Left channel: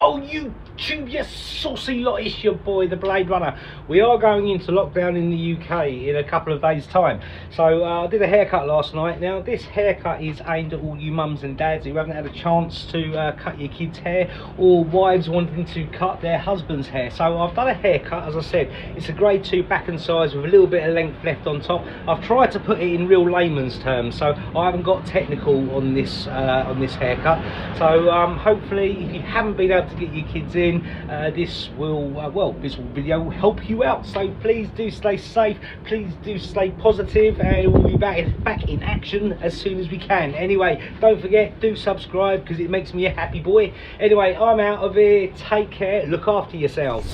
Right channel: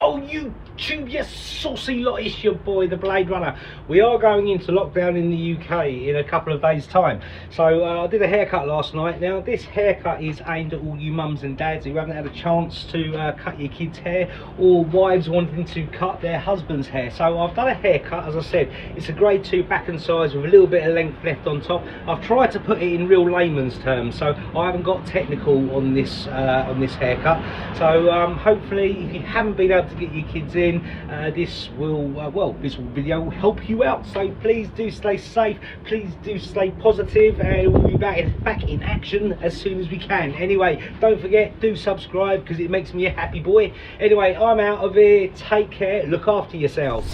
Oh, YouTube, you saucy lot, it's your boy, the Blade Runner. We are going into lockdown in the UK in a couple of days' time. So I did a haircut last night. Now, this haircut is aimed at all you mums and dads who haven't had a chance to cut your kids' hair, or wives wanting to cut their husband's hair. So I've done a haircut, as I said. It's a grade 2 back and sides with a little bit of length left on top. I've tried to put it in real layman's terms, so I haven't got technical on this haircut. So hopefully, if you haven't been able to get your kids in, this video will help you out. So please do stay safe, please do stay positive. We'll be back in action as soon as we can. Anyway, don't forget, do subscribe because it makes me a happy boy. Anyway, I'm out of here. Take care, look after yourselves.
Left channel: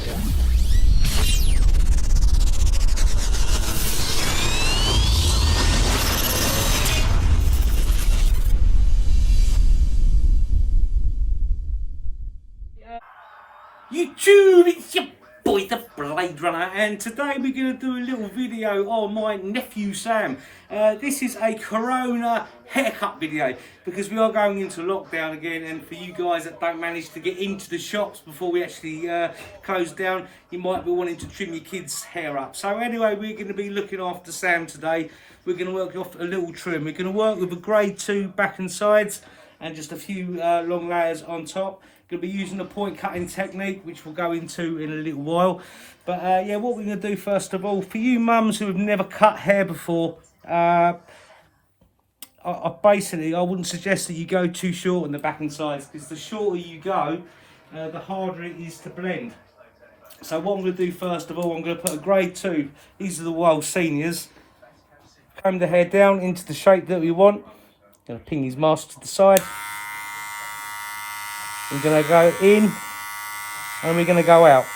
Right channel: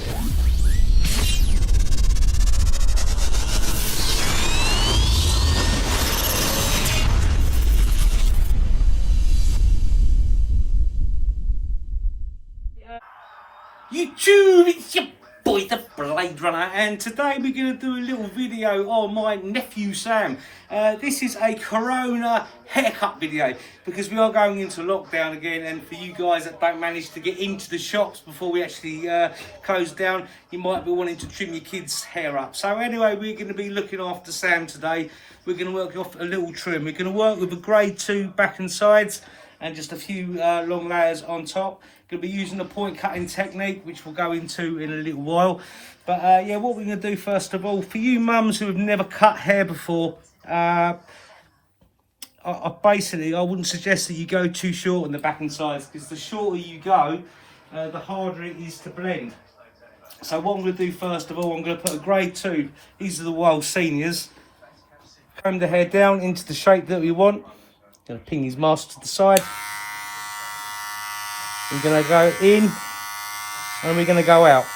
YouTube, it's your boy, the Blade Runner, and today we're going to do a little video on my nephew Sam. This is a Corona haircut video because we are going into lockdown again, and for you guys that don't manage to get into the shops before we actually close down, you might be wanting to trim your kids' hair up. So anyway, we're going to be looking after Sam today. We're going to work off a little trim. We're going to work with a grade 2 back and sides and just a few long layers on top. Going to be using a point cutting technique, which we'll go into in a little while. But yeah, what we're going to do first of all, for you mums who have never cut hair before, I wouldn't suggest that you go too short on the back and sides, because the shorter you go, the harder it is to blend. So what I'm going to do first of all, I'm going to put a grade 2. These are the Wahl seniors. Comb the hair down into the shape that we want. Going to ping his mask to the side. We're going to go in and we're going to go out.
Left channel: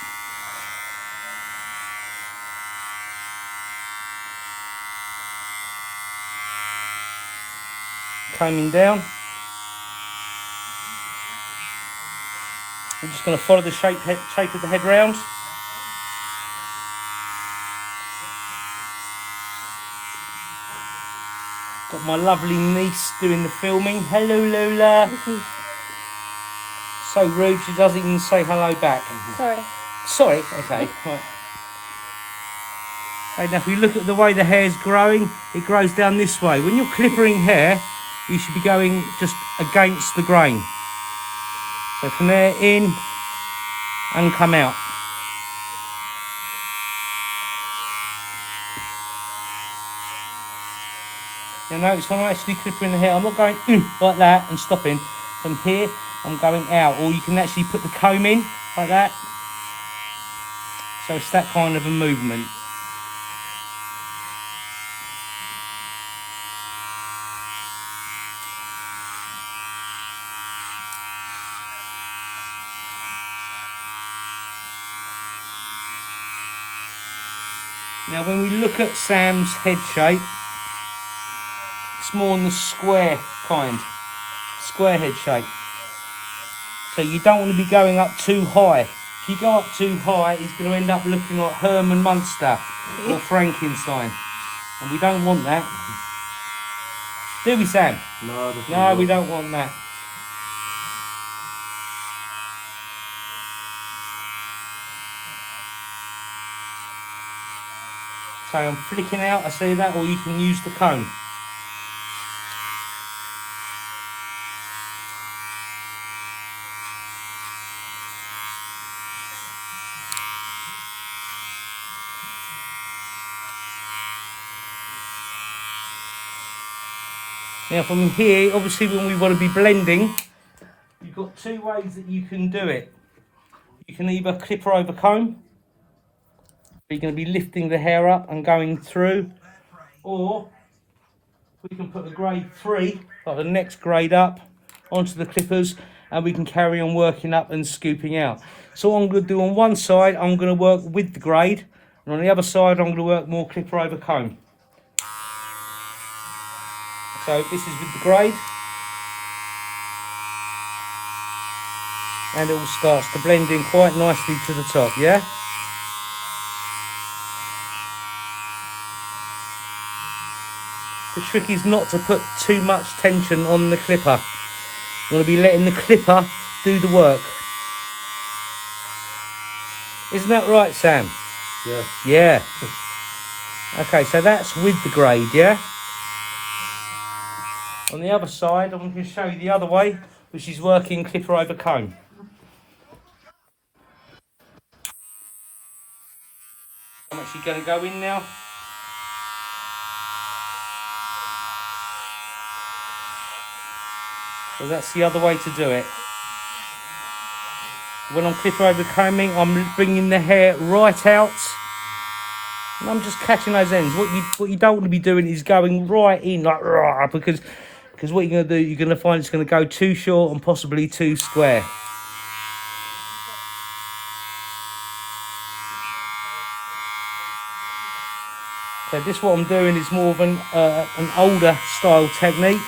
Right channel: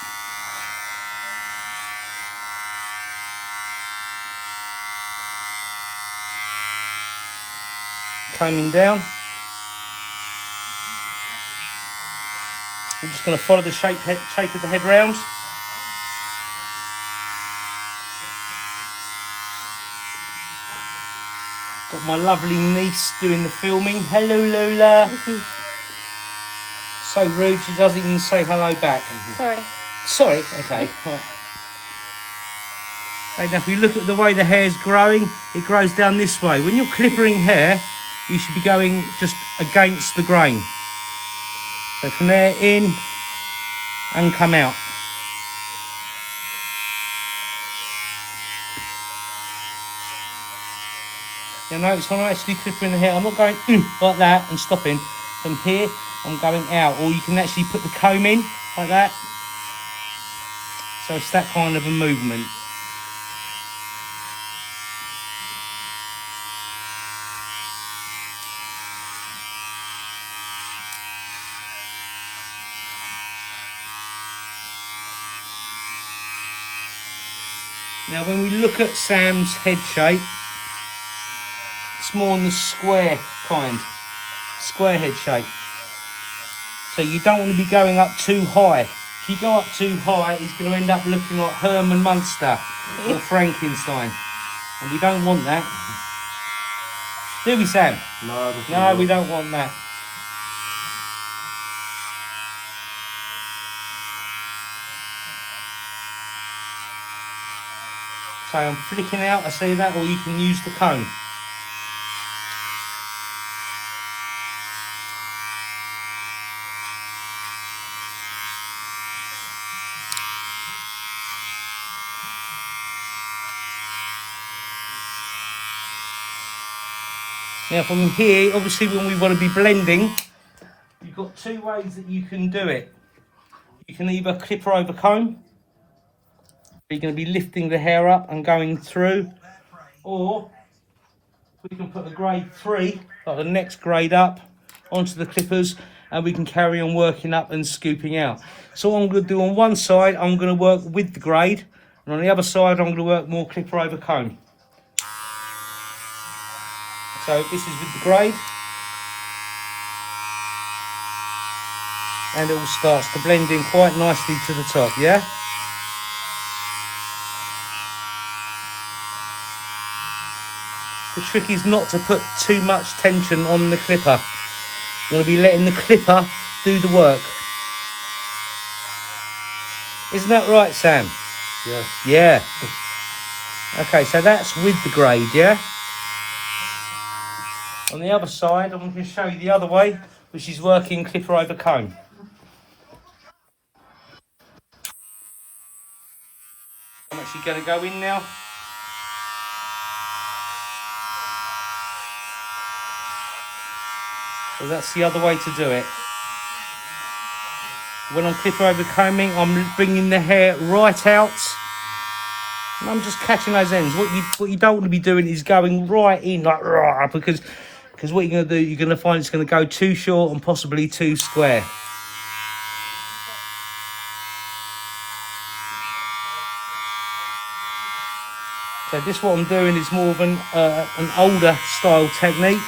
Combing down. I'm just going to follow the shape of the head round. Got my lovely niece doing the filming. Hello, Lola. So rude, she doesn't even say hello back. Sorry, okay. Right. And now if you look at the way the hair's growing, it grows down this way. When you're clippering hair, you should be going just against the grain. So from there, in and come out. You notice when I'm actually clipping the hair, I'm not going like that and stopping. From here, I'm going out, or you can actually put the comb in like that. So it's that kind of a movement. Now when we look at Sam's head shape, it's more on the square head shape. So you don't want to be going up too high. If you go up too high, he's going to end up looking like Herman Munster or Frankenstein. And we don't want that. Do we, Sam? No, we don't want that. So I'm flicking out, I see that, or you can use the comb. Now from here, obviously when we want to be blending, you've got two ways that you can do it. You can either clipper over comb, you're going to be lifting the hair up and going through, or we can put the grade 3, like the next grade up, onto the clippers, and we can carry on working up and scooping out. So what I'm going to do on one side, I'm going to work with the grade, and on the other side, I'm going to work more clipper over comb. So this is with the grade, and it all starts to blend in quite nicely to the top, yeah? The trick is not to put too much tension on the clipper. You're going to be letting the clipper do the work. Isn't that right, Sam? Yeah. Yeah. Okay, so that's with the grade, yeah? On the other side, I'm going to show you the other way, which is working clipper over comb. I'm actually going to go in now. So that's the other way to do it. When I'm clipper over combing, I'm bringing the hair right out. And I'm just catching those ends. What you don't want to be doing is going right in like rah, because what you're going to do, you're going to find it's going to go too short and possibly too square. So this, what I'm doing, is more of an older style technique.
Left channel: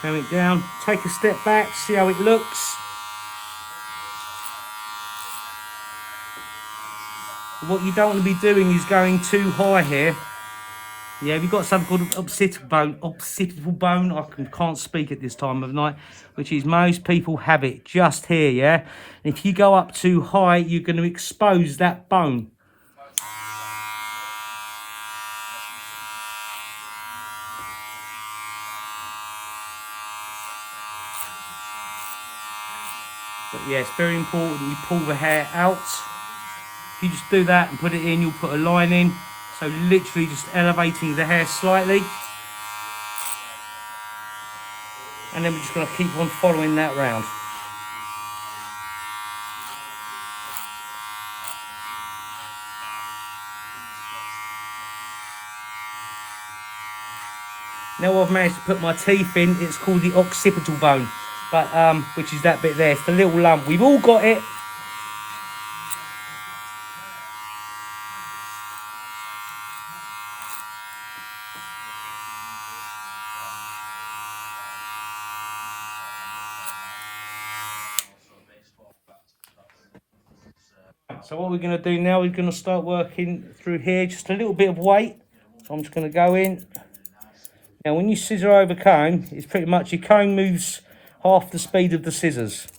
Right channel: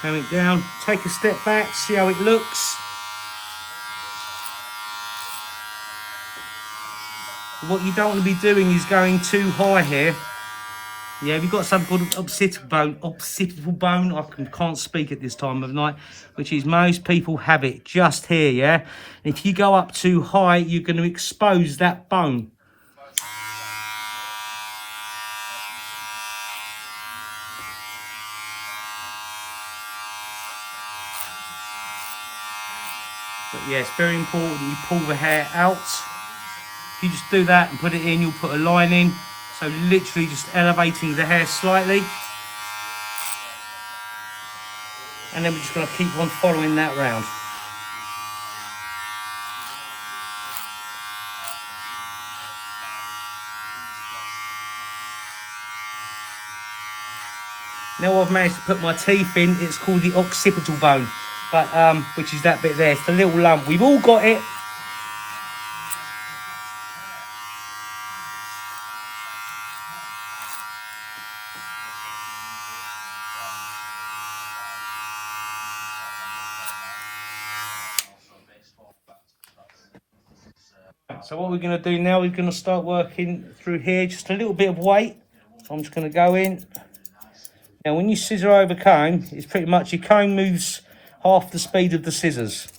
Turn it down, take a step back, see how it looks. What you don't want to be doing is going too high here. Yeah, we've got something called occipital bone. I can't speak at this time of night, which is most people have it just here, yeah? And if you go up too high, you're going to expose that bone. But yeah, it's very important you pull the hair out. If you just do that and put it in, you'll put a line in. So literally just elevating the hair slightly. And then we're just going to keep on following that round. Now I've managed to put my teeth in, it's called the occipital bone, but which is that bit there. It's the little lump. We've all got it. So what we're going to do now, we're going to start working through here, just a little bit of weight. So I'm just going to go in. Now when you scissor over comb, it's pretty much your comb moves half the speed of the scissors.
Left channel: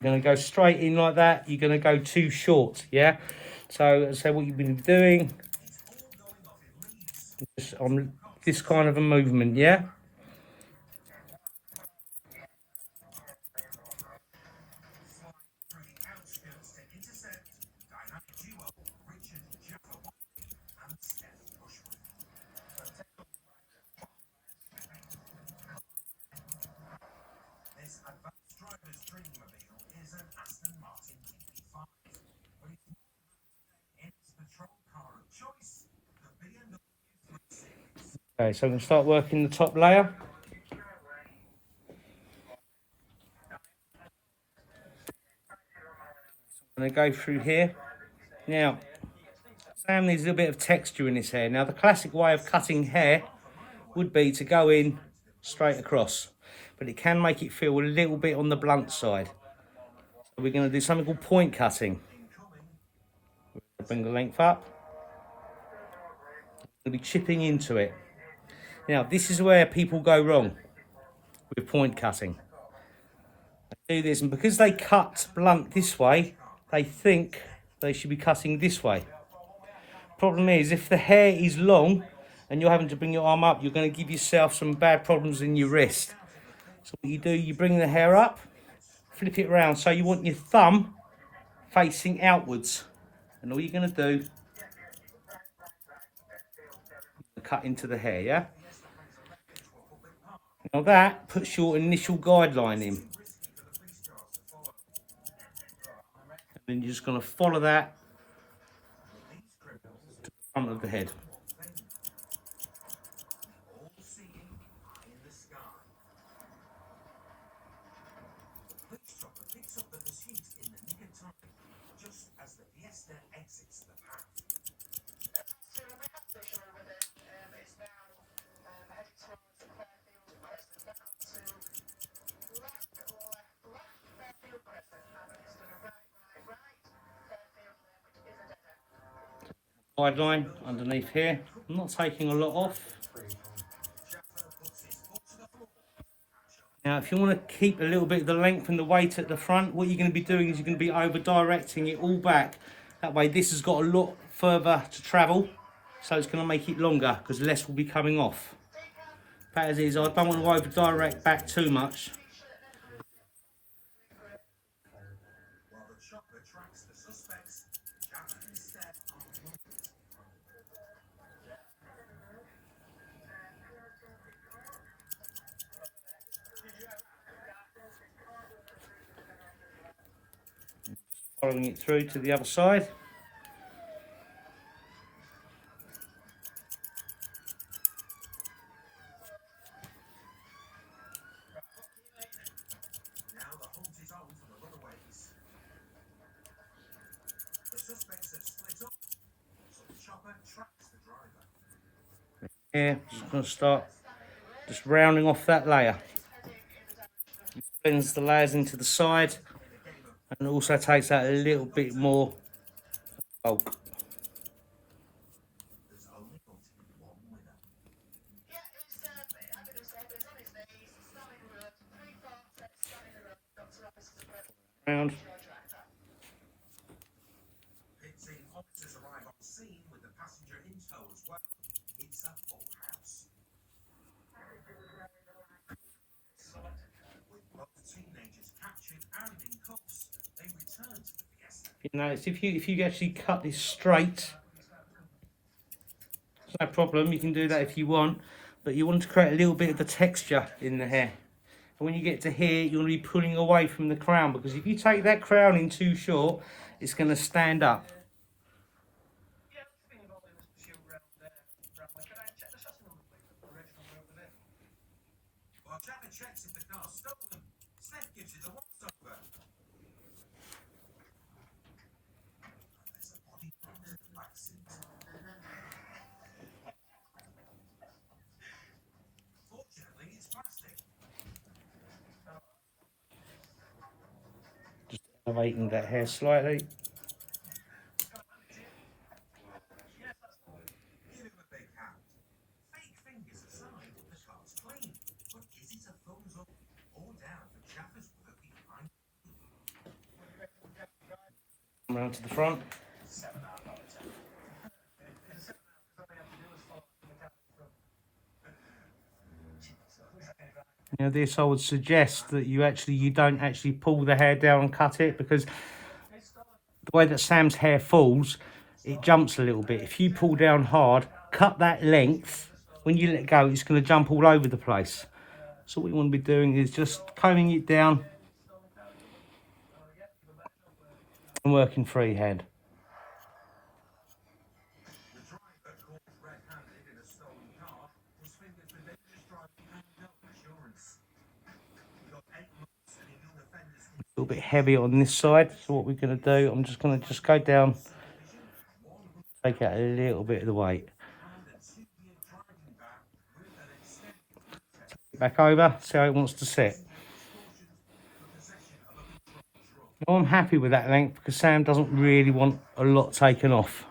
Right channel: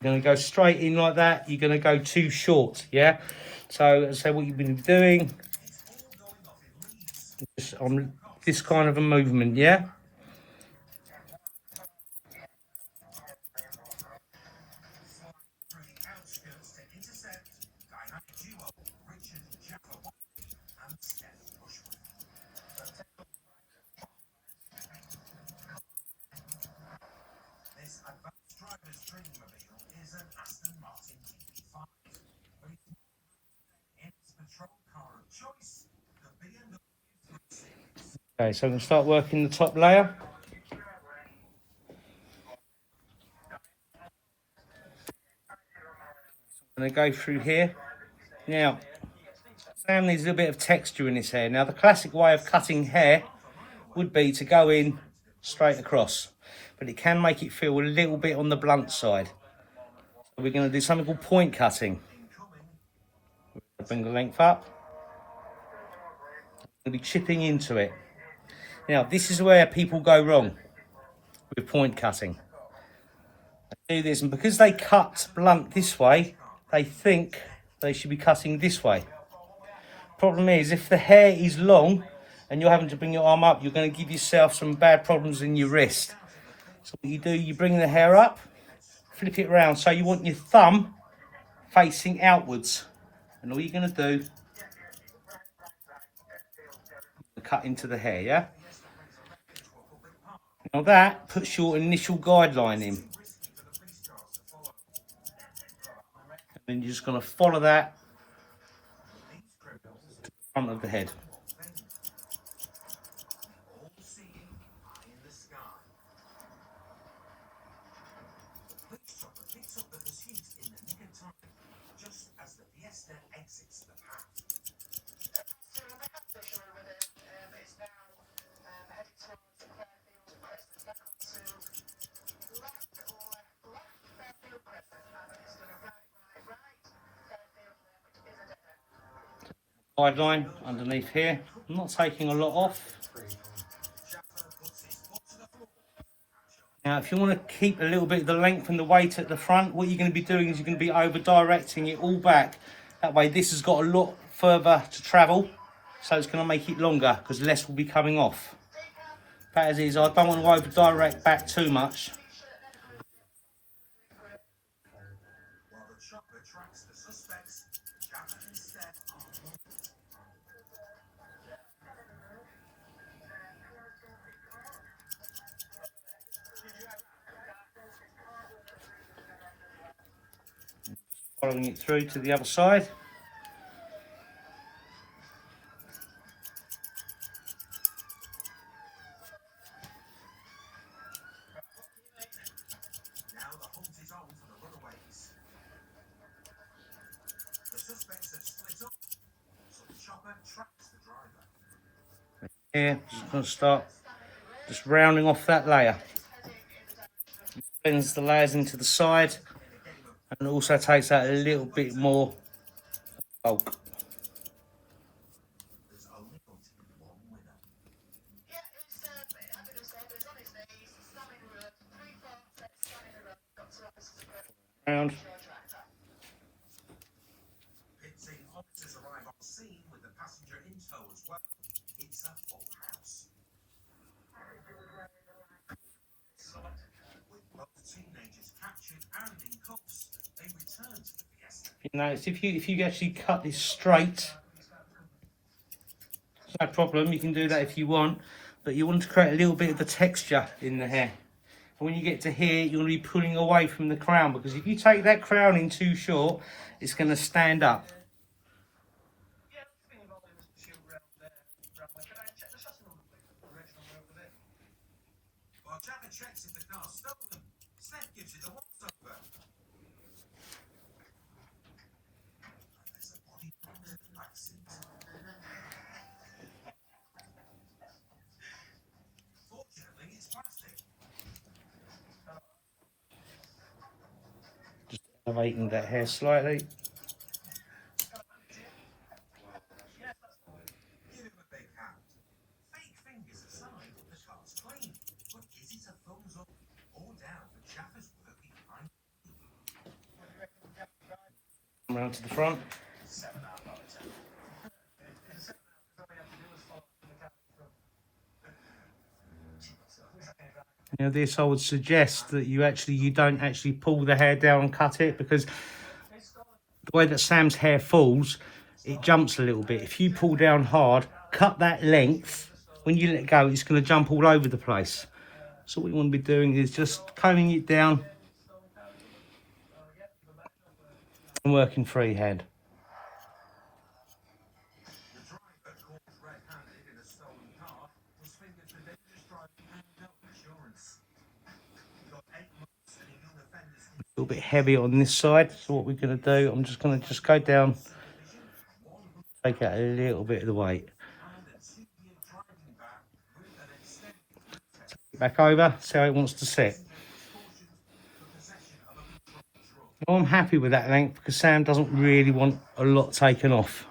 You're going to go straight in like that, you're going to go too short, yeah? So what you've been doing, just on this kind of a movement, yeah? Okay, so I'm going to start working the top layer. I'm going to go through here. Now, Sam needs a little bit of texture in his hair. Now, the classic way of cutting hair would be to go in straight across, but it can make it feel a little bit on the blunt side. So we're going to do something called point cutting. Bring the length up. I'm going to be chipping into it. Now, this is where people go wrong with point cutting. They do this, and because they cut blunt this way, they think they should be cutting this way. Problem is, if the hair is long and you're having to bring your arm up, you're going to give yourself some bad problems in your wrist. So what you do, you bring the hair up, flip it around, so you want your thumb facing outwards, and all you're going to do, cut into the hair, yeah? Now that puts your initial guideline in. And then you're just going to follow that to the front of the head. Guideline underneath here. I'm not taking a lot off. Now, if you want to keep a little bit of the length and the weight at the front, what you're going to be doing is you're going to be over directing it all back. That way, this has got a lot further to travel, so it's going to make it longer because less will be coming off. That as is, I don't want to over direct back too much. Following it through to the other side. Here, just going to start just rounding off that layer. It bends the layers into the side and also takes out a little bit more bulk. Round. You notice if you actually cut this straight, it's no problem. You can do that if you want, but you want to create a little bit of the texture in the hair. And when you get to here, you're going to be pulling away from the crown, because if you take that crown in too short, it's going to stand up. Just elevating that hair slightly. Around to the front. Now this, I would suggest that you don't actually pull the hair down and cut it, because the way that Sam's hair falls, it jumps a little bit. If you pull down hard, cut that length, when you let go, it's going to jump all over the place. So what you want to be doing is just combing it down and working freehand. A little bit heavy on this side, so what we're going to do, I'm just going to go down, take out a little bit of the weight. Back over, see how it wants to sit. Now I'm happy with that length because Sam doesn't really want a lot taken off.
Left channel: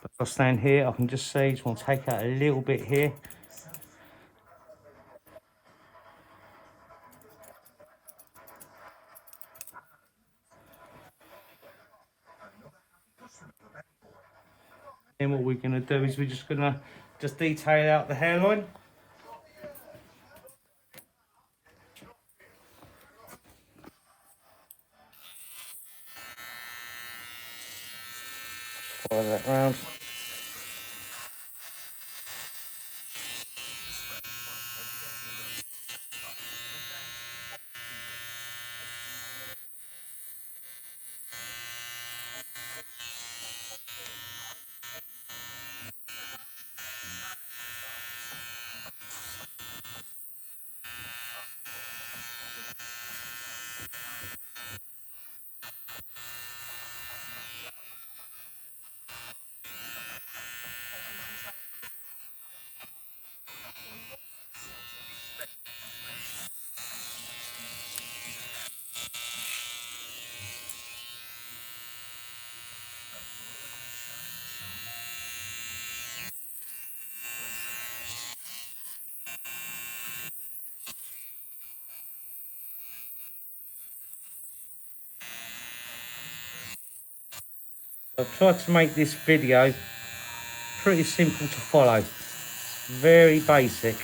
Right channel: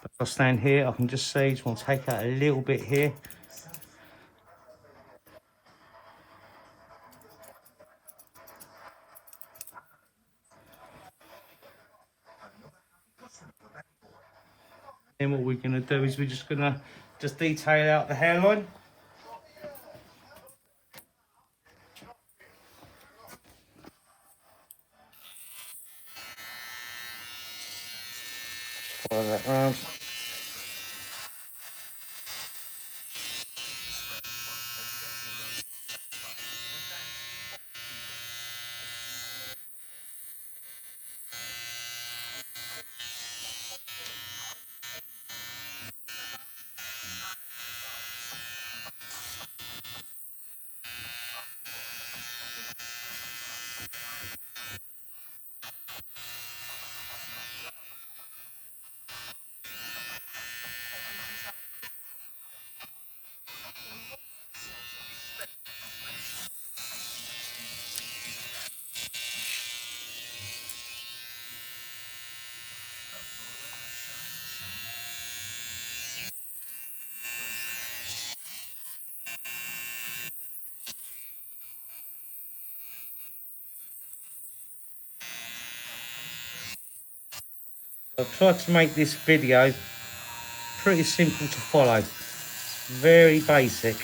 But if I stand here, I can just see, just want to take out a little bit here. Then what we're going to do is we're just going to detail out the hairline. Follow that round. I've tried to make this video pretty simple to follow, very basic.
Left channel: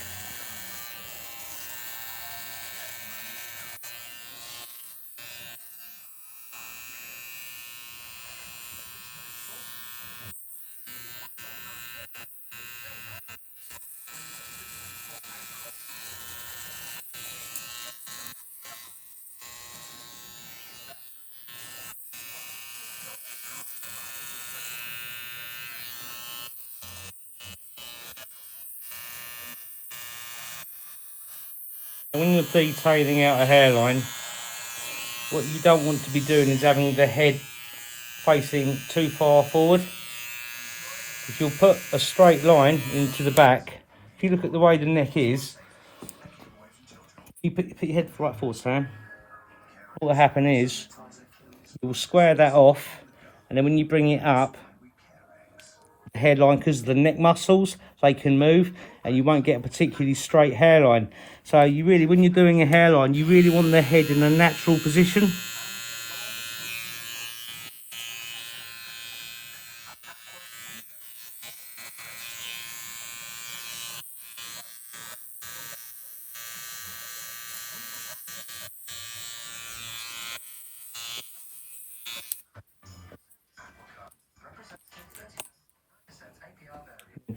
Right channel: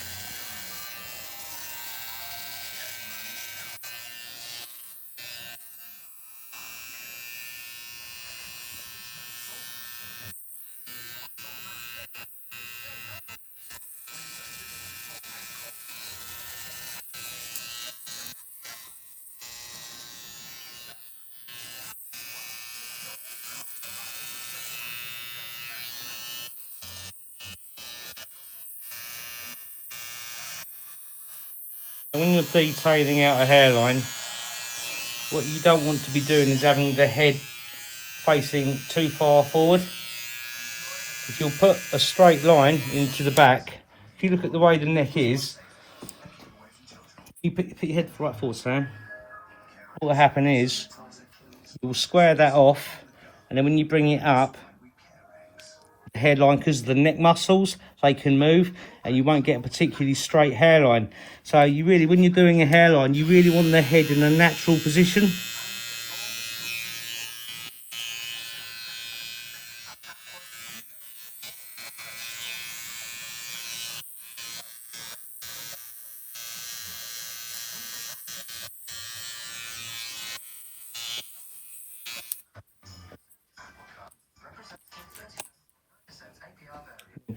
And when you're detailing out a hairline, what you don't want to be doing is having the head facing too far forward. If you'll put a straight line into the back, if you look at the way the neck is, you put your head right forward, Sam. What will happen is, you'll square that off, and then when you bring it up, the hairline, because of the neck muscles, they can move, and you won't get a particularly straight hairline. So you really, when you're doing a hairline, you really want the head in a natural position.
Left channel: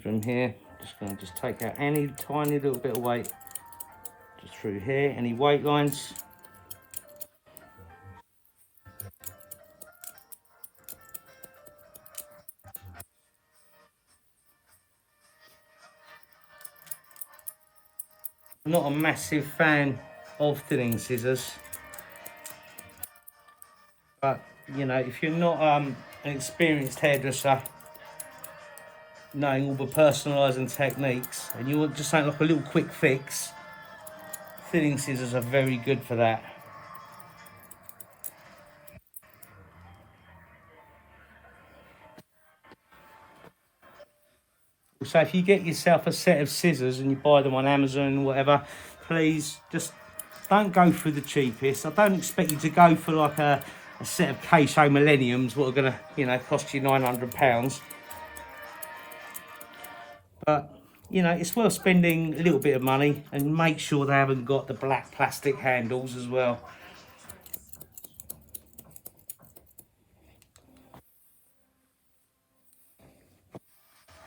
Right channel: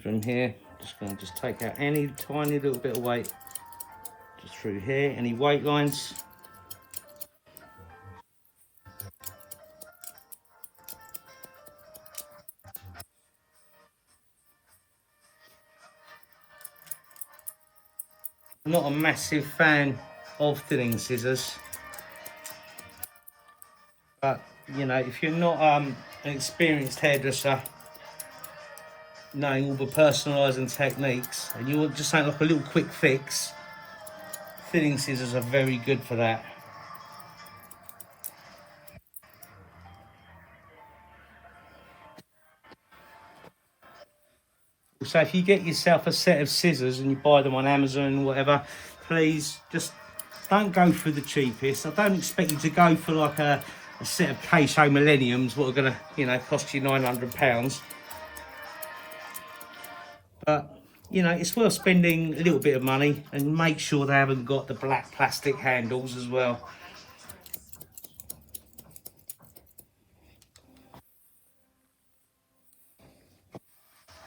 From here, just going to take out any tiny little bit of weight, just through here, any weight lines. I'm not a massive fan of thinning scissors, but you know, if you're not an experienced hairdresser, knowing all the personalising techniques, and you want just something like a little quick fix, thinning scissors are very good for that. So if you get yourself a set of scissors and you buy them on Amazon or whatever, please just don't go for the cheapest. I don't expect you to go for like a set of K-Show Millenniums, what are going to, you know, cost you £900. But, you know, it's worth spending a little bit of money, and make sure they haven't got the black plastic handles as well.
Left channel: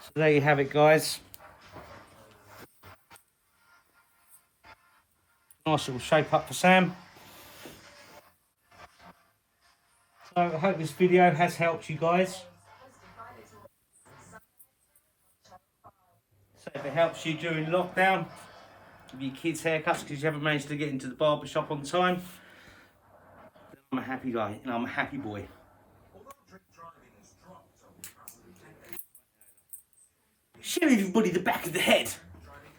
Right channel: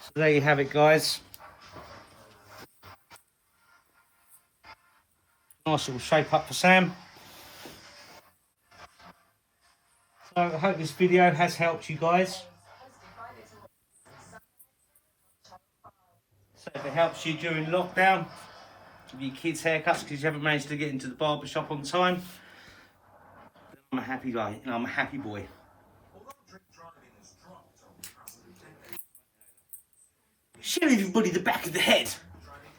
So there you have it, guys. Nice little shape up for Sam. So I hope this video has helped you guys. So if it helps you during lockdown, give your kids haircuts because you haven't managed to get into the barber shop on time, then I'm a happy guy and I'm a happy boy. Show everybody the back of the head.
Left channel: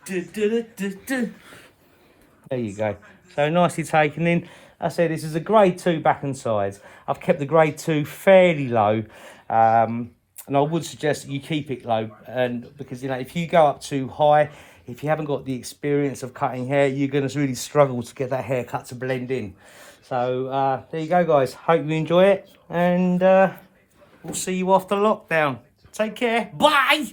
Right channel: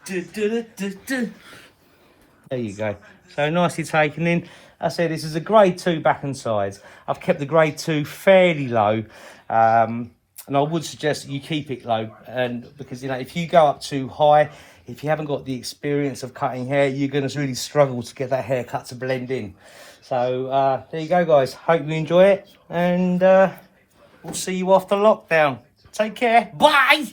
There you go. So nicely taken in. I said this is a grade 2 back and sides. I've kept the grade 2 fairly low, and I would suggest that you keep it low, and because you know, if you go up too high, if you haven't got the experience of cutting hair, you're going to really struggle to get that haircut to blend in. So there you go, guys. Hope you enjoy it, and we'll see you after lockdown. Take care. Bye.